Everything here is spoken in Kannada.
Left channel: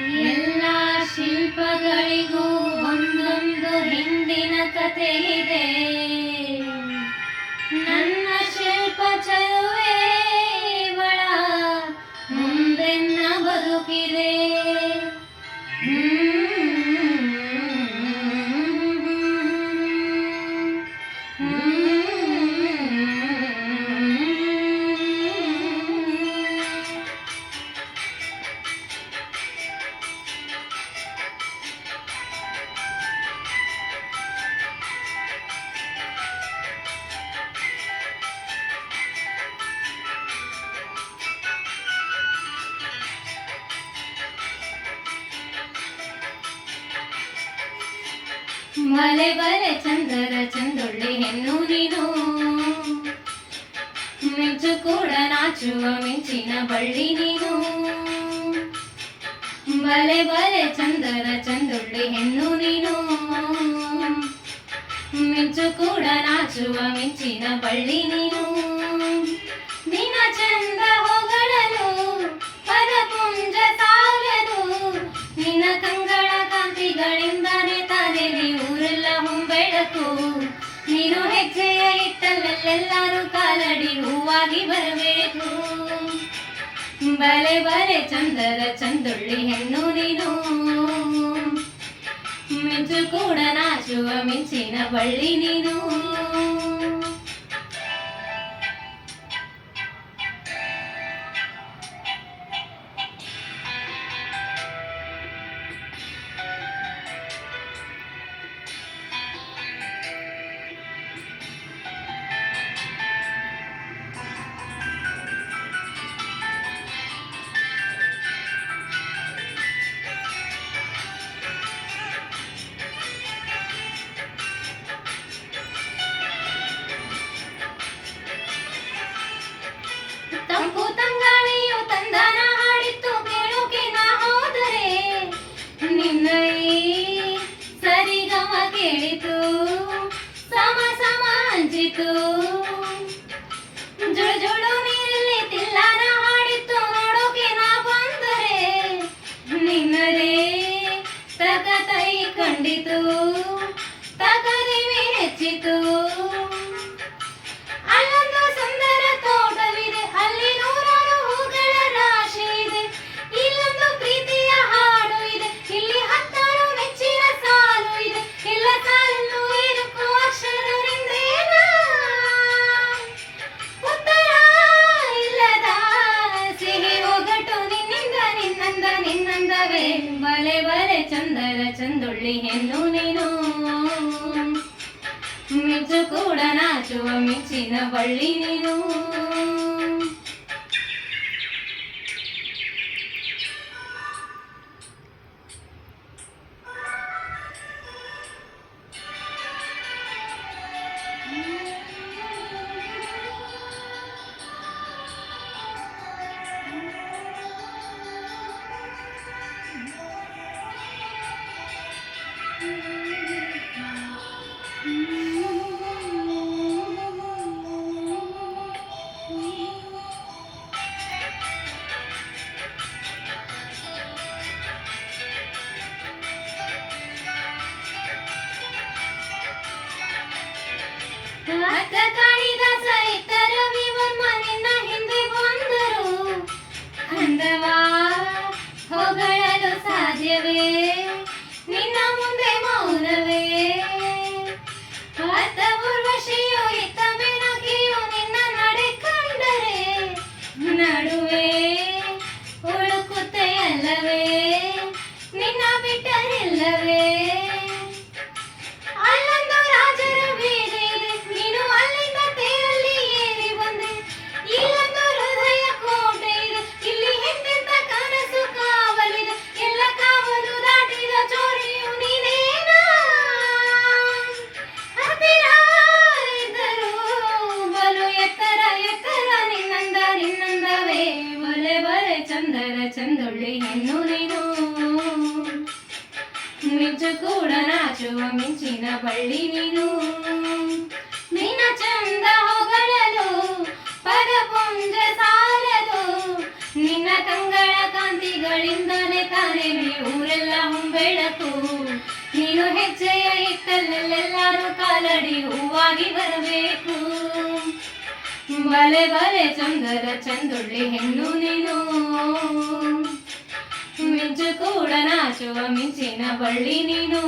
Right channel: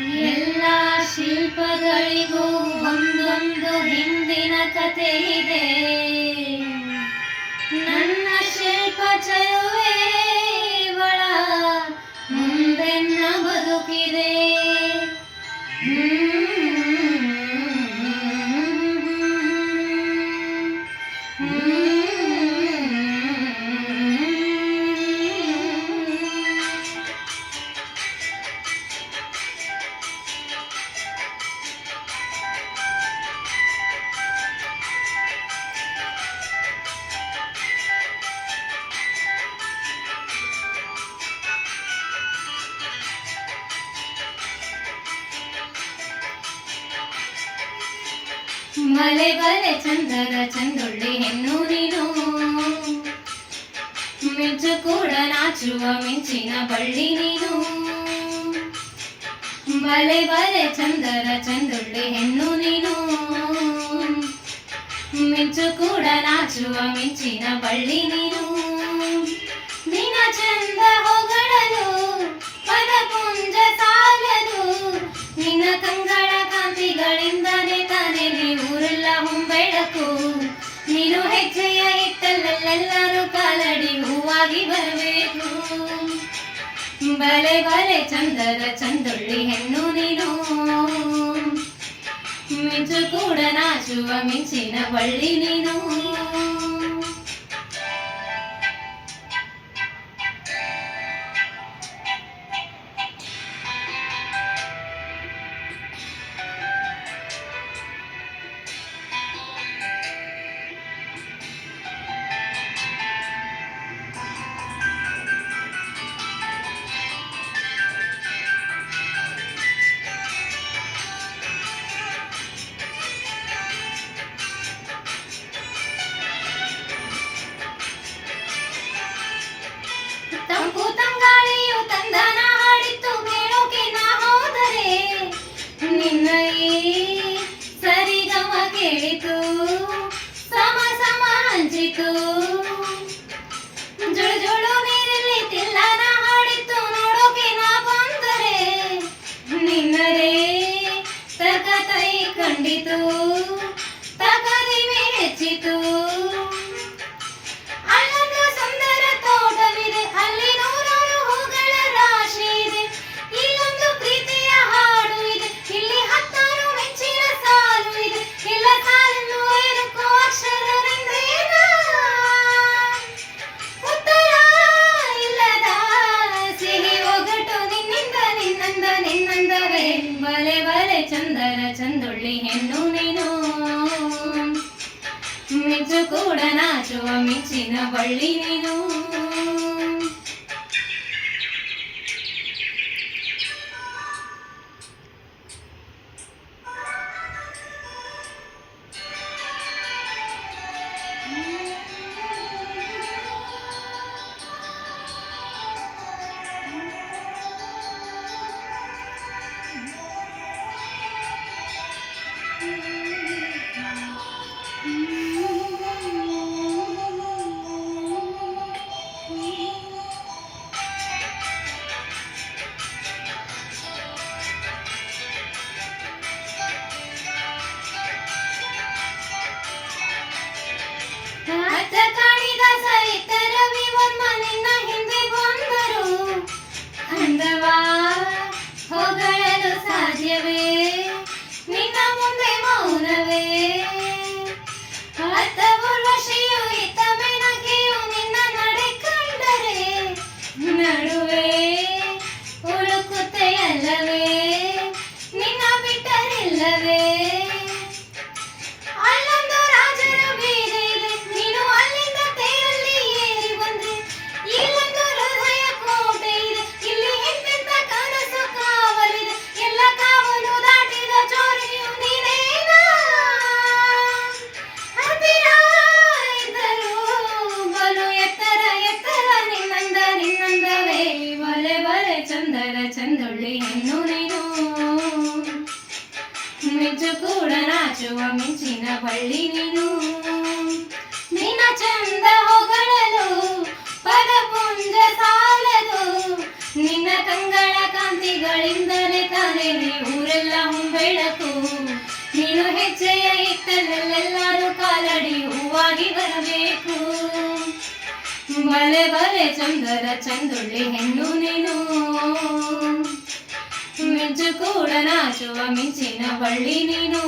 ಎಲ್ಲ ಶಿಲ್ಪಗಳಿಗೂ ಒಂದೊಂದು ಹಿಂದಿನ ಕಥೆ ಇದೆ. ನನ್ನ ಶಿಲ್ಪ ಚಲುವೆ ಬಳ ಮುಂದೆನ್ನ ಬದುಕಿದೆ. ಬಲೆ ಬಲೆ ಚಂದದ ಚಂದೊಳ್ಳಿ ಹೆಣ್ಣು ನೀನು, ಮಿಂಚು ಕೂಡ ನಾಚುವ ಮಿಂಚಿನ ಬಳ್ಳಿ ನೀನು. ಬಲೆ ಬಲೆ ಚಂದದ ಚಂದೊಳ್ಳಿ ಹೆಣ್ಣು ನೀನು, ಮಿಂಚು ಕೂಡ ನಾಚುವ ಮಿಂಚಿನ ಬಳ್ಳಿ ನೀನು. ನಿನ್ನ ಚಂದ ಹೊಗಳಲು ಪದಪುಂಜ ಸಾಲದು, ನಿನ್ನ ಕಂಗಳ ಕಾಂತಿಗಳಿಂದನೇ ತಾನೇ ಊರೆಲ್ಲ ಹೊಂಬೆಳಕು. ನೀನು ಹೆಜ್ಜೆಯ ಇಟ್ಟಲ್ಲೆಲ್ಲರೂ ಕಾಲಡಿ ಹೂವಾಗಿ ಬರಬೇಕು. ಬಲೆ ಬಲೆ ಚಂದದ ಚಂದೊಳ್ಳಿ ಹೆಣ್ಣು ನೀನು, ಮಿಂಚು ಕೂಡ ನಾಚುವ ಮಿಂಚಿನ ಬಳ್ಳಿ ನೀನು. ತಂಪು ತಂಗಾಳಿಯು ತಂದನ ಹಾಡಿತ್ತು ಕೇಳೋಕೆ ನಾ ಹೋದರೆ, ನಿನ್ನ ಈ ಸರಿಗಮ ಕೇಳಿತು ಸಮ ಸಮ ಹಂಚಿತು. ಜುಳು ಜುಳು ನೀರಲ್ಲಿ ತಿಲ್ಲನ ಹಾಡಿತ್ತು ನೋಡೋಕೆ ನಾ ಬಂದರೆ, ನಿನ್ನದೇ ತಕತೈ ಕಂಡಿತು ತಕದಿಮೆ ಹೆಚ್ಚಿತು. ಅಲ್ಲೊಂದು ಸುಂದರ ತೋಟವಿದೆ, ಅಲ್ಲಿ ನೂರಾರು ಹೂಗಳ ರಾಶಿ ಇದೆ. ಇಲ್ಲೊಂದು ಪ್ರೀತಿಯ ಹಾಡು ಇದೆ, ಇಲ್ಲಿ ಹತ್ತಾರು ಮೆಚ್ಚಿನ ಸಾಲು ಇದೆ. ಇಲ್ಲ ಸಾಲನ್ನು ಏರುಕೋ ಅಕ್ಷರರಿಂದೇನ ಉತ್ತರ ಇಲ್ಲದ ಸಿಹಿ ಒಗಟು ನಿನ್ನಿಂದ ನಿನ್ನಂದ ನಿನ್ನಂದವೇ. ಬಲೆ ಬಲೆ ಚಂದದ ಚಂದೊಳ್ಳಿ ಹೆಣ್ಣು ನೀನು, ಮಿಂಚು ಕೂಡ ನಾಚುವ ಮಿಂಚಿನ ಬಳ್ಳಿ ನೀನು. ಅತ್ತ ಕಾಣಿದ ಸಹಿತರ ವಿವನ್ಮ ನಿನ್ನ ಹಿಂದೆ ಬಂದರು, ಅಂದವಾ ಹೊಗಳಲು ಸಾಧ್ಯವೇ ನಿನ್ನ ಮುಂದೆ ಮೌನವೇ. ಅತ್ತ ಉರ್ವಶಿಯು ಇತ್ತ ಬೆನಕಿಯು ನಿನ್ನ ನಡೆ ಕಂಡರೆ, ನಡುವೆ ಉಳುಕುತ್ತೆ ಅಲ್ಲವೇ ನಿನ್ನ ಬಿಟ್ಟರಿಲ್ಲವೇ. ಅಲ್ಲೊಂದು ರಾಜರ ಬೀದಿ ಇದೆ, ನೀನು ಅಲ್ಲಿಂದ ತೇರಲ್ಲಿ ಏರಿ ಬಂದೆ. ಇಲ್ಲೊಂದು ಹೃದಯ ಕೋಟೆ ಇದೆ, ಇಲ್ಲಿ ಎಂತೆಂತ ಕನಸು ಕಾವಲಿದೆ. ಎಲ್ಲ ಕಾವಲು ದಾಟಿದ ಚೋರಿಯು ನೀನೇನಾ. ಹತ್ತಿರ ಇದ್ದರೂ ಬಲು ಎತ್ತರ ಎತ್ತರ ನಿನ್ನಂದ ನಿನ್ನಂದವೇ. ಬಲೆ ಬಲೆ ಚಂದದ ಚಂದೊಳ್ಳಿ ಹೆಣ್ಣು ನೀನು, ಮಿಂಚು ಕೂಡ ನಾಚುವ ಮಿಂಚಿನ ಬಳ್ಳಿ ನೀನು. ನಿನ್ನ ಚಂದ ಹೊಗಳಲು ಪದಪುಂಜ ಸಾಲದು, ನಿನ್ನ ಕಂಗಳ ಕಾಂತಿಗಳಿಂದಲೇ ತಾನೇ ಊರೆಲ್ಲ ಬೆಳಕು ನೀನು ಹೆಜ್ಜೆಯ ಇತ್ತಲ್ಲೆಲ್ಲರೂ ಕಾಲಡಿ ಹೂವಾಗಿ ಬರಬೇಕು ಬಲೆ ಬಲೆ ಚಂದರ ಚಂದುಳ್ಳಿ ಹೆಣ್ಣು ನೀನು ಮಿಂಚು ಕೂಡ ನಾಚುವ ಮಿಂಚಿನ ಬಳ್ಳಿ ನೀನು